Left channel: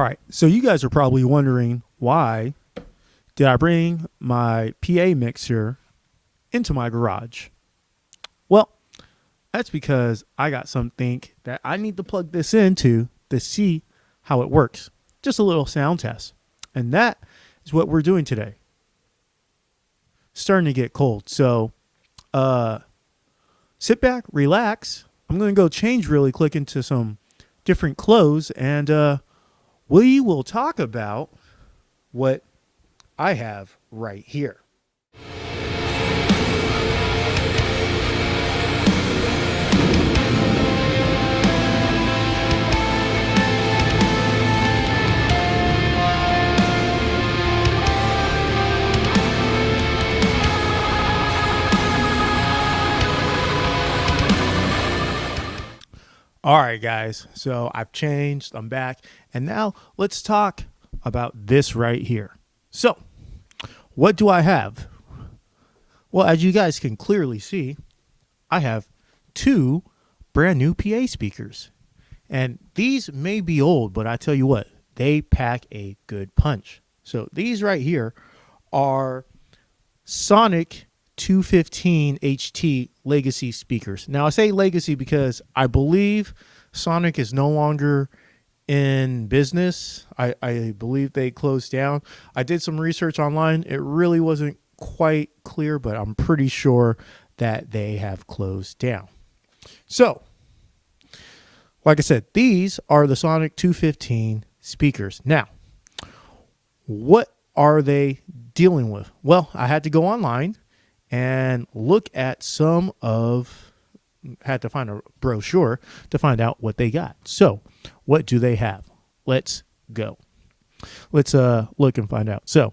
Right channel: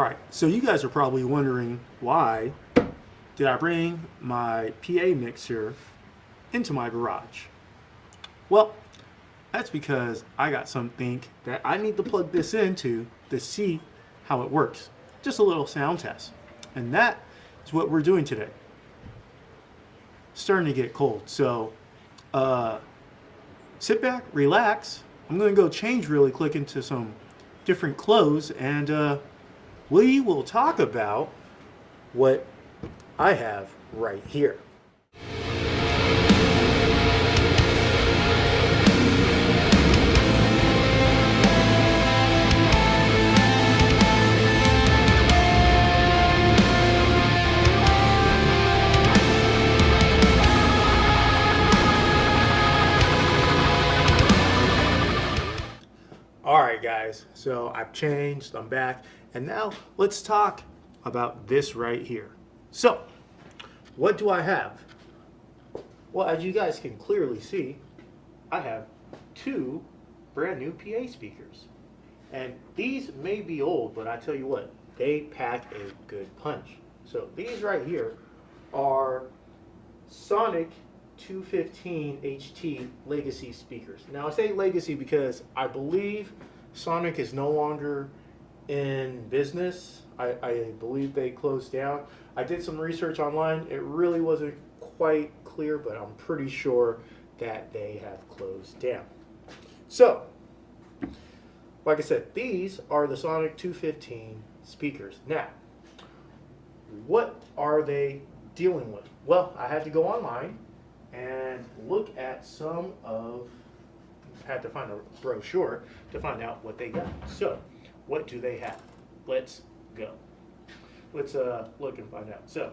All right, so you guys are probably wondering why did I bring my PA mixer into my garage? Well, that's because I got something that I need to plug this into to see how it works. Just a little sound test. And that is what we're doing today. Starting to get cold, so sit back, relax. I'm going to go change really quick into some different clothes, and we will talk about what I have right here. All right, guys. So I've changed. I'm back. And now let's talk about this right here. So, what do I have? Well, as you guys can clearly see, I have two brand new PA speakers. And these may be old, but I tell you what, they pack a good punch. So these right here are Sonic 215 HT legacy speakers. Now I say legacy because I believe Sonic is no longer in business. I believe they closed down. I did some research online. It really wasn't quite clear, but I'm pretty sure that they have closed down. So, like I said, these are the Sonic 215 speakers. Now, what are they dealing with? Well, I had to go online and look at had to find a brochure to find out what they got. So, what do they have? Let's go. Let's look and find out. So,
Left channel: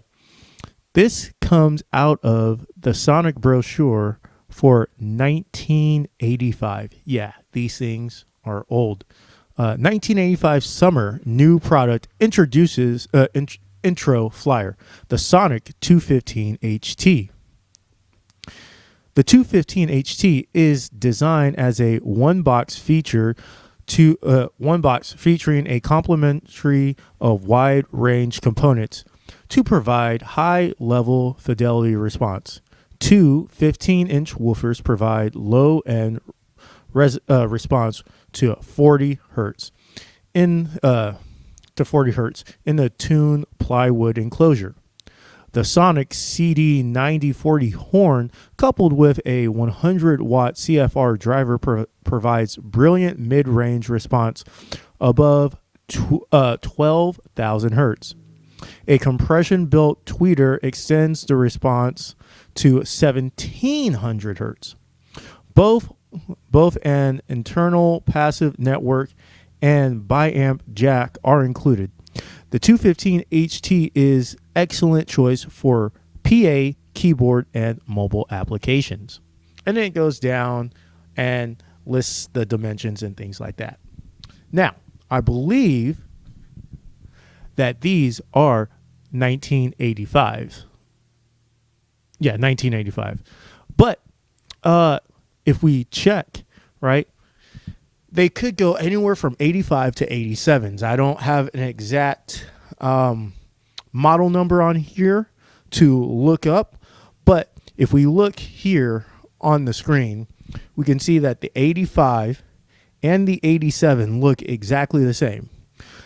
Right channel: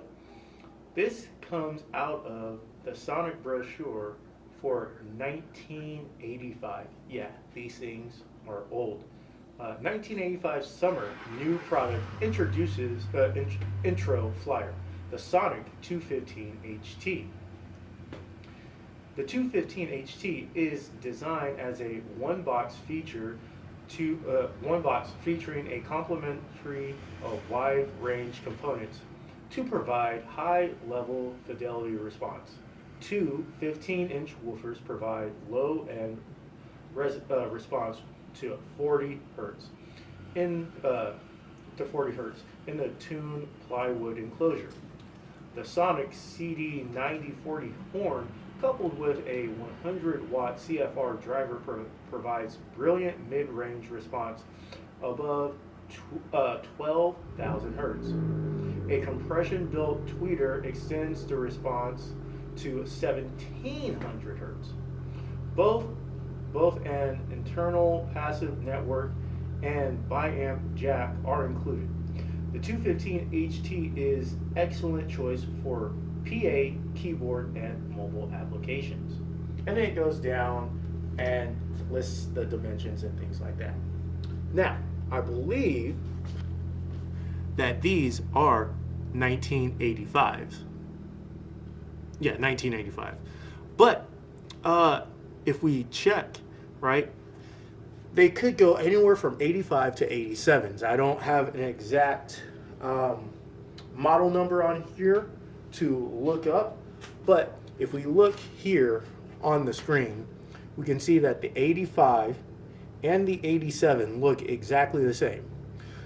this comes out of the Sonic brochure for 1985. Yeah, these things are old. 1985 summer new product introduces intro flyer, the Sonic 215 HT. The 215 HT is designed as a one box featuring a complementary of wide range components to provide high level fidelity response. Two 15-inch woofers provide low end response to 40 hertz in the tuned plywood enclosure. The Sonic CD9040 horn, coupled with a 100-watt CFR driver, provides brilliant mid-range response above 12,000 hertz. A compression-built tweeter extends the response to 1,700 hertz. Both an internal passive network and biamp jack are included. The 215 HT is excellent choice for PA, keyboard, and mobile applications. And then it goes down and lists the dimensions and things like that. Now, I believe that these are 1985s. Yeah, 1985. But if we check, right, they could go anywhere from 85 to 87s. I don't have an exact model number on here to look up, but if we look here on the screen, we can see that the 85 and the 87 look exactly the same.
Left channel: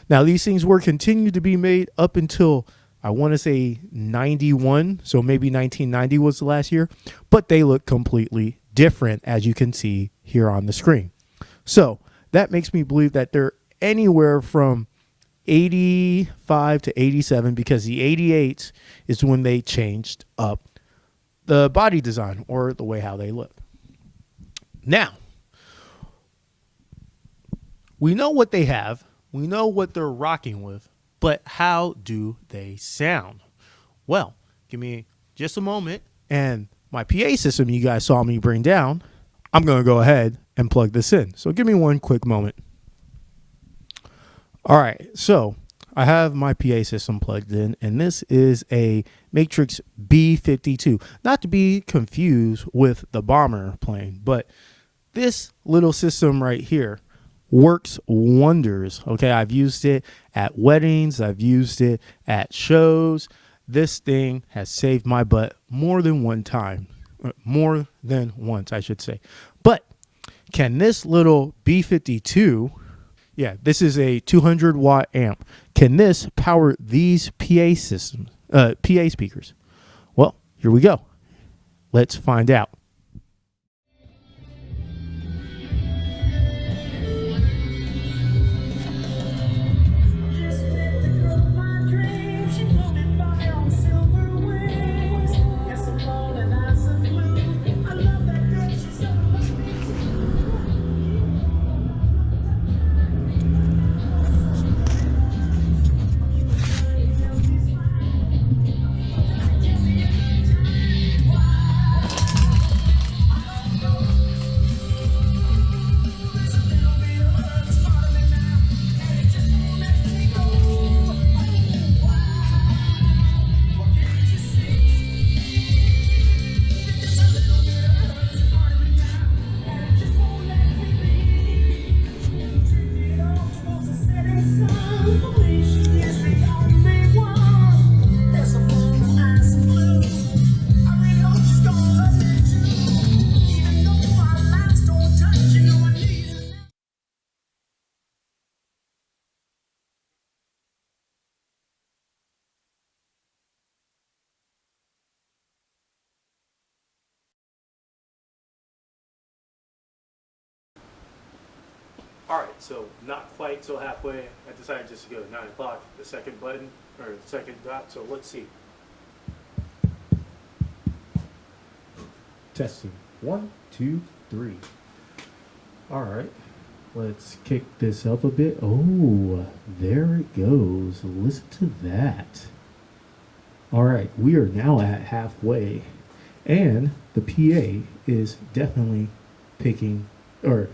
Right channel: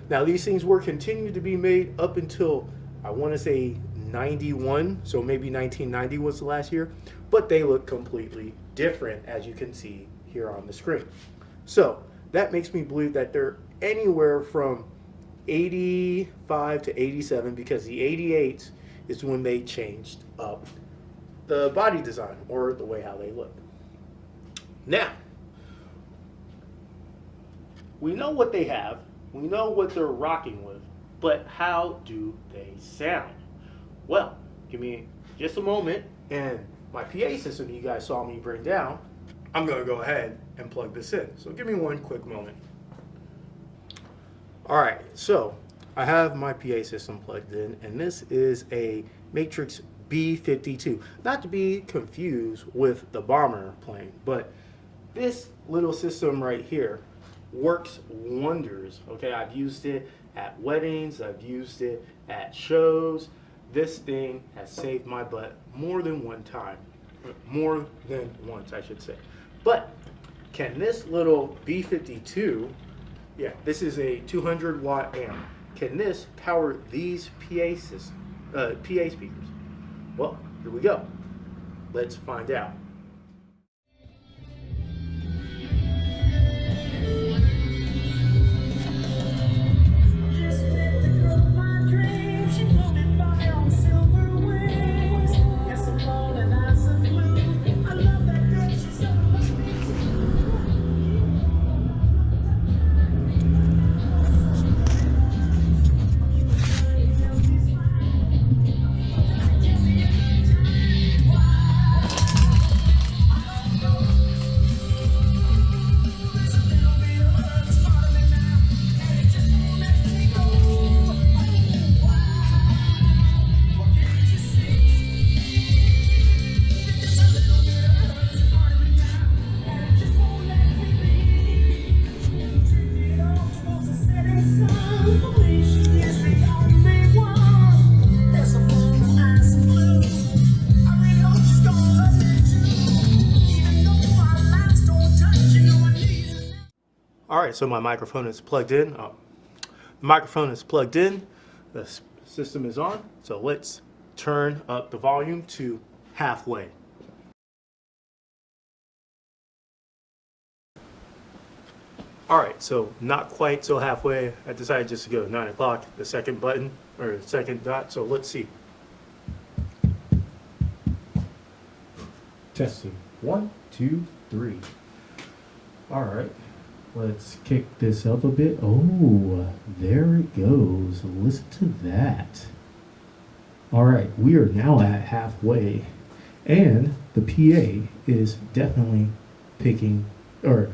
Now, these things were continued to be made up until, I want to say, 91, so maybe 1990 was the last year, but they look completely different, as you can see here on the screen. So that makes me believe that they're anywhere from 85 to 87, because the 88s is when they changed up the body design or the way how they look. Now, we know what they have. We know what they're rocking with, but how do they sound? Well, give me just a moment, and my PA system you guys saw me bring down, I'm going to go ahead and plug this in. So give me one quick moment. All right, so I have my PA system plugged in, and this is a Matrix B52. Not to be confused with the bomber plane, but this little system right here works wonders. Okay, I've used it at weddings, I've used it at shows. This thing has saved my butt more than one time. More than once, I should say. But can this little B52, yeah, this is a 200 watt amp. Can this power these PA speakers? Well, here we go. Let's find out. All right, so my microphone is plugged in. The microphone is plugged in. The system is on. So let's turn up the volume to halfway. All right, so not quite so halfway. I decided just to go 9 o'clock, the second button, or the second dot. So let's see. Testing. 1, 2, 3. All right. Let's kick this up a bit. Oh, there it goes. Listen to that. All right, we are now at halfway, and the PA is definitely picking, or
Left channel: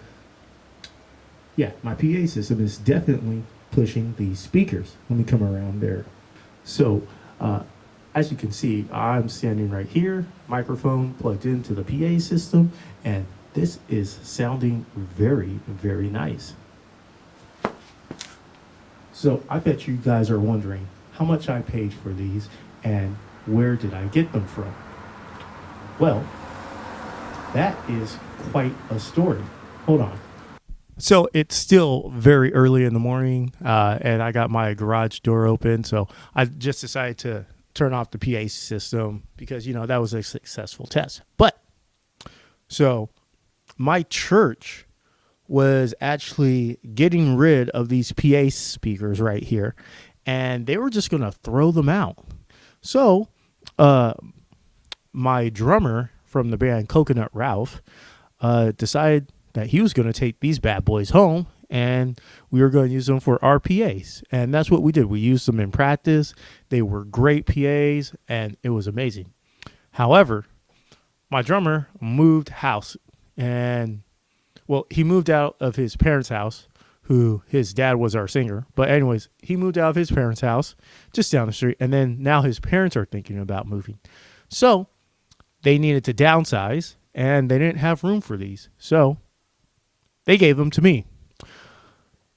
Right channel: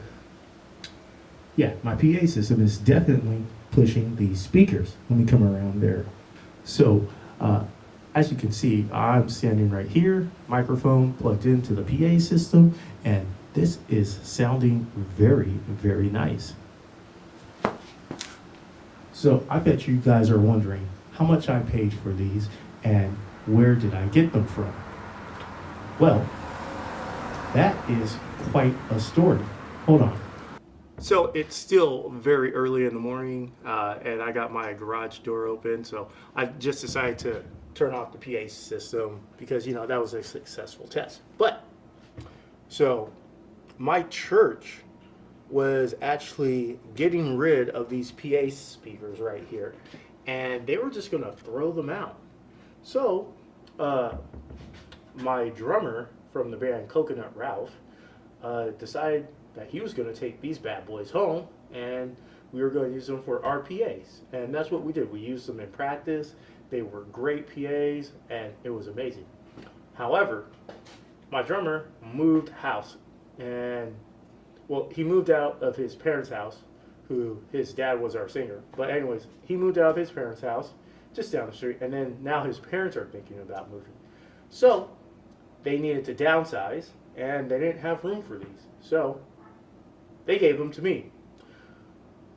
yeah, my PA system is definitely pushing these speakers. Let me come around there. So, as you can see, I'm standing right here, microphone plugged into the PA system, and this is sounding very, very nice. So I bet you guys are wondering how much I paid for these and where did I get them from? Well, that is quite a story. Hold on. So it's still very early in the morning, and I got my garage door open. So I just decided to turn off the PA system because, you know, that was a successful test. But so my church was actually getting rid of these PA speakers right here, and they were just going to throw them out. So my drummer from the band Coconut Ralph decided that he was going to take these bad boys home, and we were going to use them for our PAs. And that's what we did. We used them in practice. They were great PAs, and it was amazing. However, my drummer moved house. And, well, he moved out of his parents' house, who his dad was our singer. But anyways, he moved out of his parents' house just down the street. And then now his parents are thinking about moving. So they needed to downsize, and they didn't have room for these. So they gave them to me.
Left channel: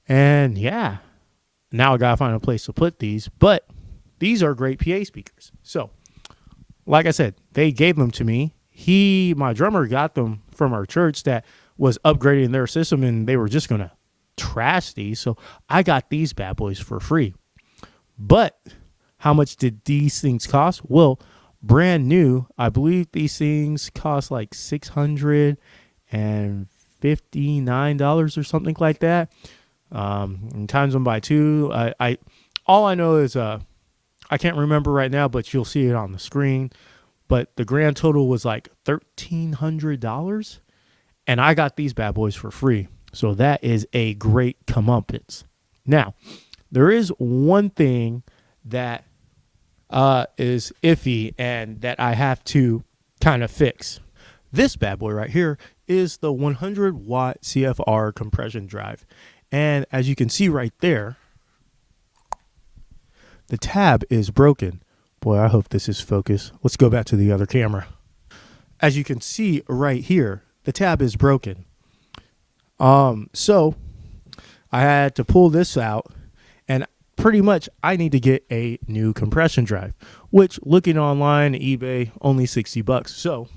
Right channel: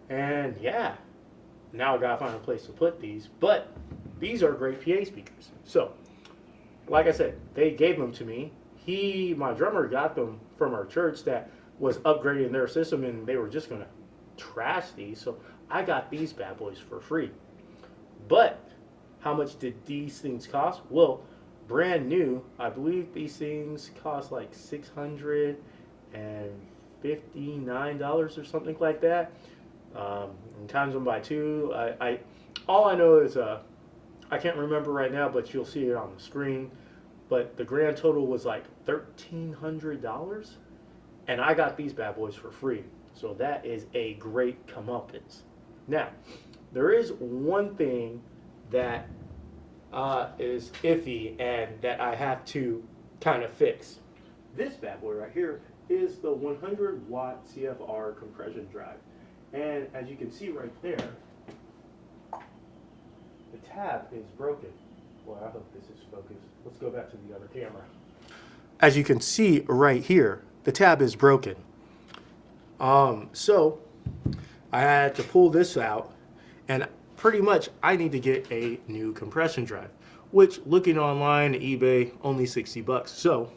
And, yeah, now I got to find a place to put these. But these are great PA speakers. So, like I said, they gave them to me. My drummer got them from our church that was upgrading their system, and they were just going to trash these. So I got these bad boys for free. But how much did these things cost? Well, brand new, I believe these things cost like $659 or something like that. And times them by 2. All I know is I can't remember right now, but you'll see it on the screen. But the grand total was like $1,300, and I got these bad boys for free. So that is a great comeuppance. Now, there is one thing that is iffy and that I have to kind of fix. This bad boy right here is the 100 watt CFR compression drive. And as you can see right there, the tab is broken. Boy, I hope this is focused. Let's go back to the other camera. As you can see right here, the tab is broken. So I had to pull this out, and pretty much I need to get a new compression drive, which looking online, eBay, only $60. So,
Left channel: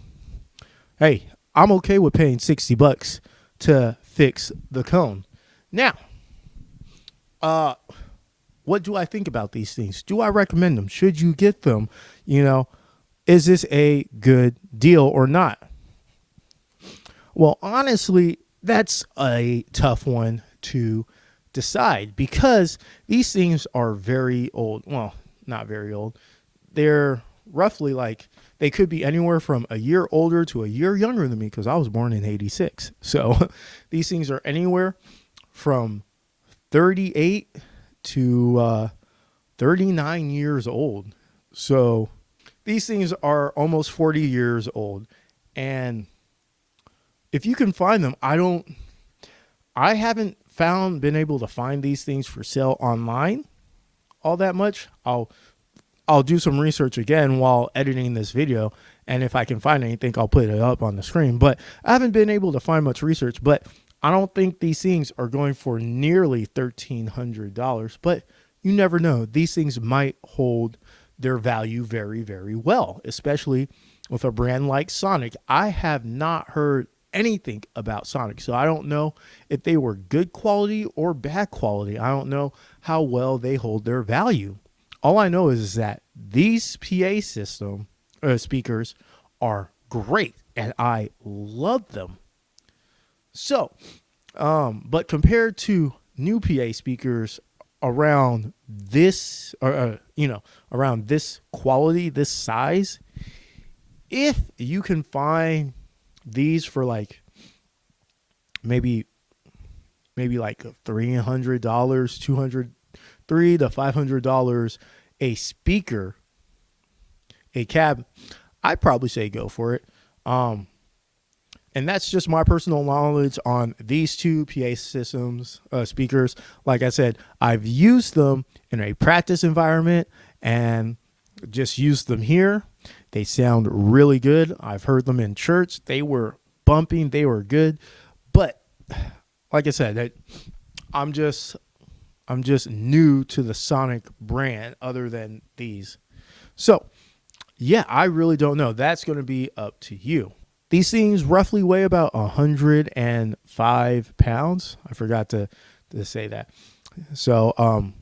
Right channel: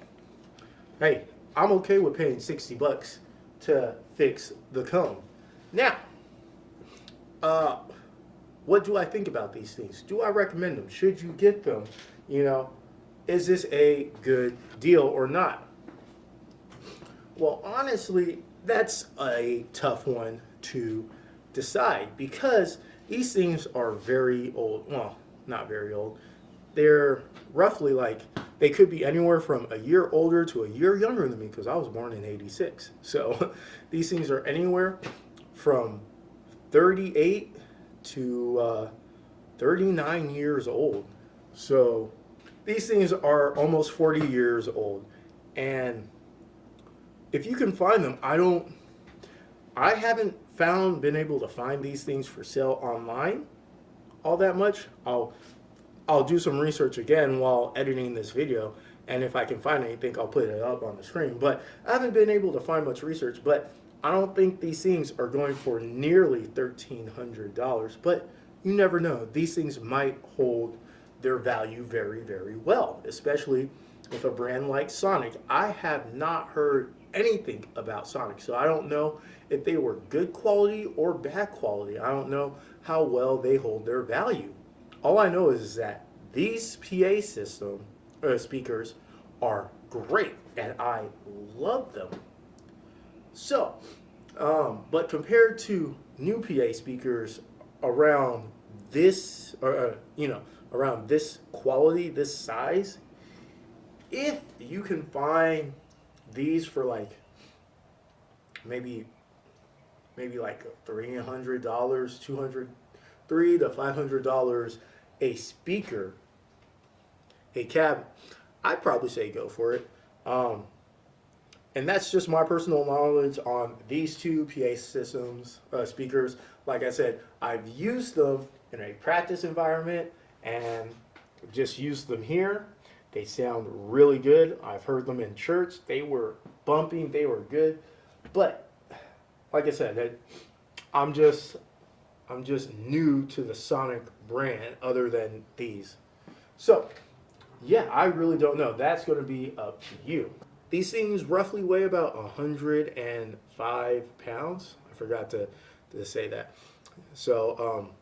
hey, I'm okay with paying $60 to fix the cone. Now, what do I think about these things? Do I recommend them? Should you get them? Is this a good deal or not? Well, honestly, that's a tough one to decide because these things are very old. Well, not very old. They're roughly they could be anywhere from a year older to a year younger than me because I was born in 86. So these things are anywhere from 38 to 39 years old. So these things are almost 40 years old. And if you can find them, I haven't been able to find these things for sale online all that much. I'll do some research again while editing this video, and if I can find anything, I'll put it up on the screen. But I haven't been able to find much research, but I don't think these things are going for nearly $1,300, but you never know. These things might hold their value very, very well, especially with a brand like Sonic. I have not heard anything about Sonic, so I don't know if they were good quality or bad quality. I don't know how well they hold their value. All I know is that these PA speakers are great, and I love them. So, but compared to new PA speakers around this, around this quality, this size, if you can find these for maybe like $300, $300 to $500 a speaker, a cab, I'd probably say go for it. And that's just my personal knowledge on these two PA speakers. Like I said, I've used them in a practice environment and just used them here. They sound really good. I've heard them in church. They were bumping. They were good. But like I said, I'm just new to the Sonic brand other than these. So, yeah, I really don't know. That's going to be up to you. These things roughly weigh about 105 pounds. I forgot to say that. So,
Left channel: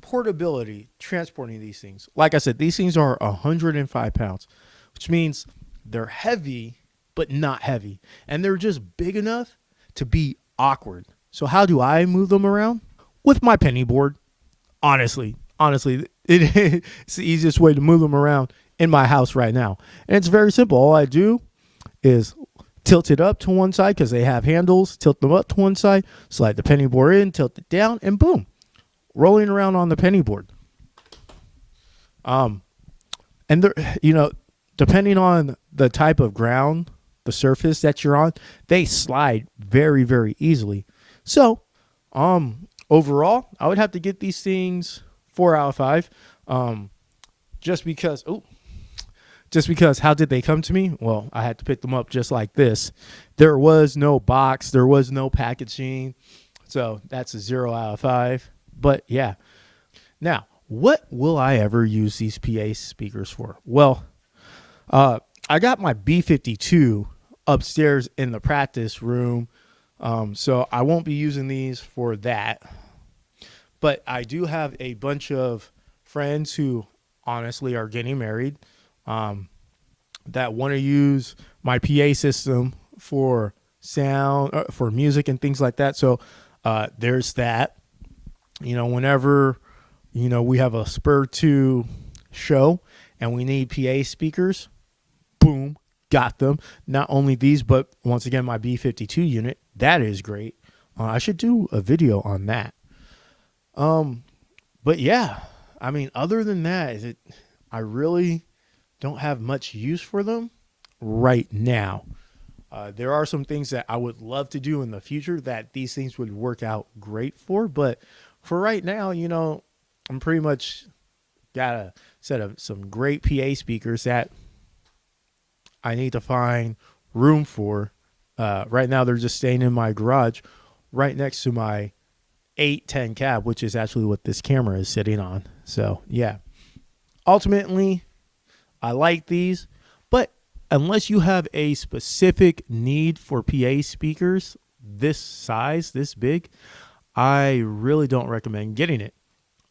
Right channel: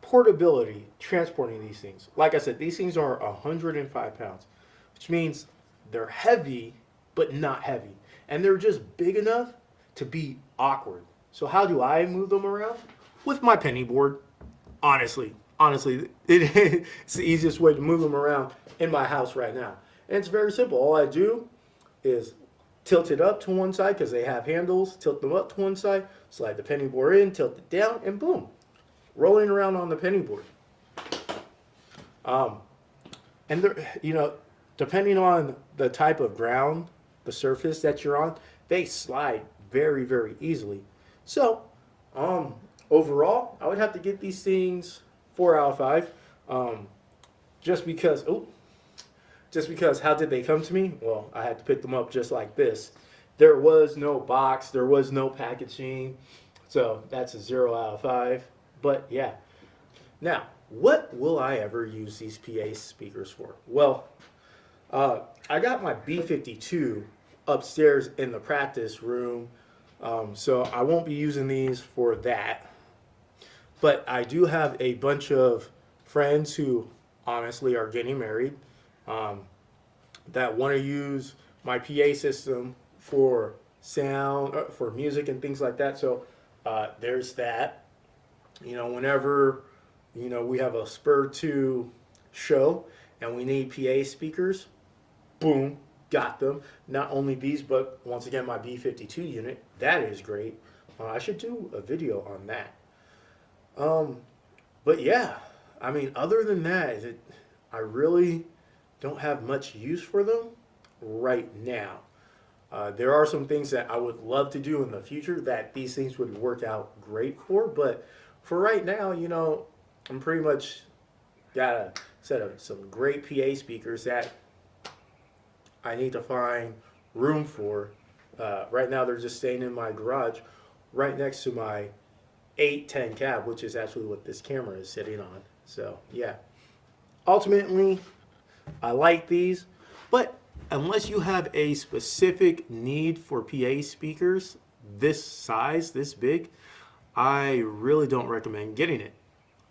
portability, transporting these things. Like I said, these things are 105 pounds, which means they're heavy, but not heavy. And they're just big enough to be awkward. So how do I move them around? With my penny board. Honestly, it's the easiest way to move them around in my house right now. And it's very simple. All I do is tilt it up to one side because they have handles, tilt them up to one side, slide the penny board in, tilt it down, and boom, rolling around on the penny board. And they're, depending on the type of ground, the surface that you're on, they slide very, very easily. So, overall, I would have to get these things 4 out of 5. Just because how did they come to me? Well, I had to pick them up just like this. There was no box. There was no packaging. So that's a 0 out of 5. But yeah. Now, what will I ever use these PA speakers for? Well, I got my B52 upstairs in the practice room. So I won't be using these for that. But I do have a bunch of friends who honestly are getting married that want to use my PA system for sound, for music and things like that. So there's that. Whenever, we have a Spur 2 show and we need PA speakers, boom, got them. Not only these, but once again, my B52 unit. That is great. I should do a video on that. But yeah, other than that, I really don't have much use for them right now. There are some things that I would love to do in the future that these things would work out great for. But for right now, I'm pretty much got a set of some great PA speakers that I need to find room for. Right now, they're just staying in my garage right next to my 810 cab, which is actually what this camera is sitting on. So yeah, ultimately, I like these, but unless you have a specific need for PA speakers this size, this big, I really don't recommend getting it.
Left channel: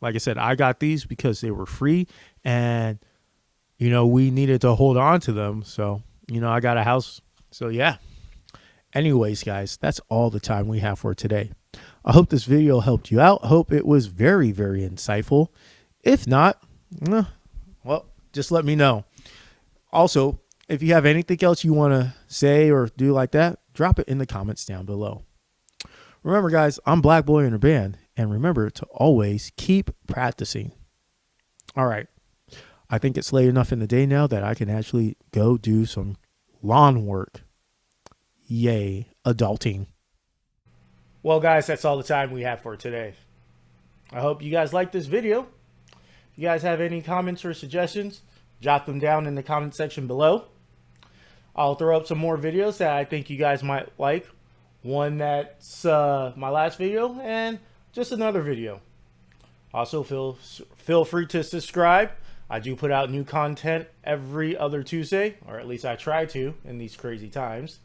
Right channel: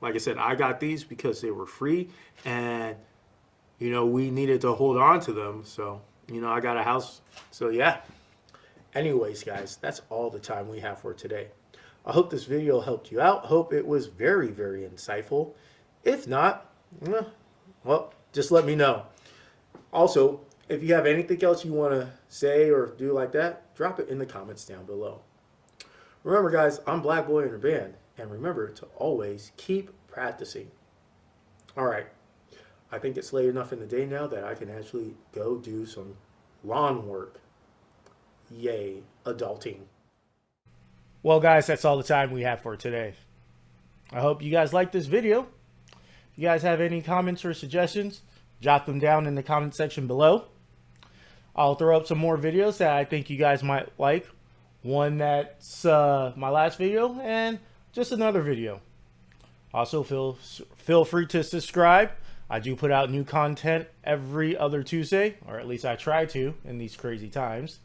Like I said, I got these because they were free and, we needed to hold on to them. So, I got a house. So yeah. Anyways, guys, that's all the time we have for today. I hope this video helped you out. Hope it was very, very insightful. If not, well, just let me know. Also, if you have anything else you want to say or do like that, drop it in the comments down below. Remember, guys, I'm Black Boy in a Band, and remember to always keep practicing. All right. I think it's late enough in the day now that I can actually go do some lawn work. Yay, adulting. Well, guys, that's all the time we have for today. I hope you guys liked this video. If you guys have any comments or suggestions, jot them down in the comment section below. I'll throw up some more videos that I think you guys might like. One that's my last video and just another video. Also, feel free to subscribe. I do put out new content every other Tuesday, or at least I try to in these crazy times.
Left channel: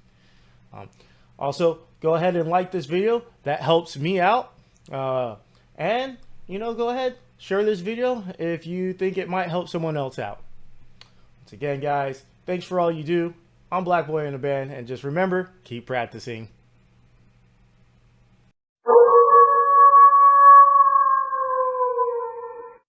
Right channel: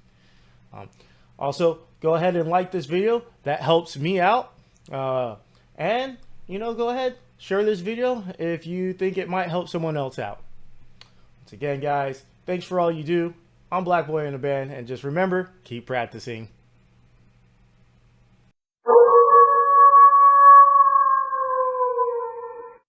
Also, go ahead and like this video. That helps me out. And, go ahead, share this video if you think it might help someone else out. Once again, guys, thanks for all you do. I'm Black Boy in a Band, and just remember, keep practicing.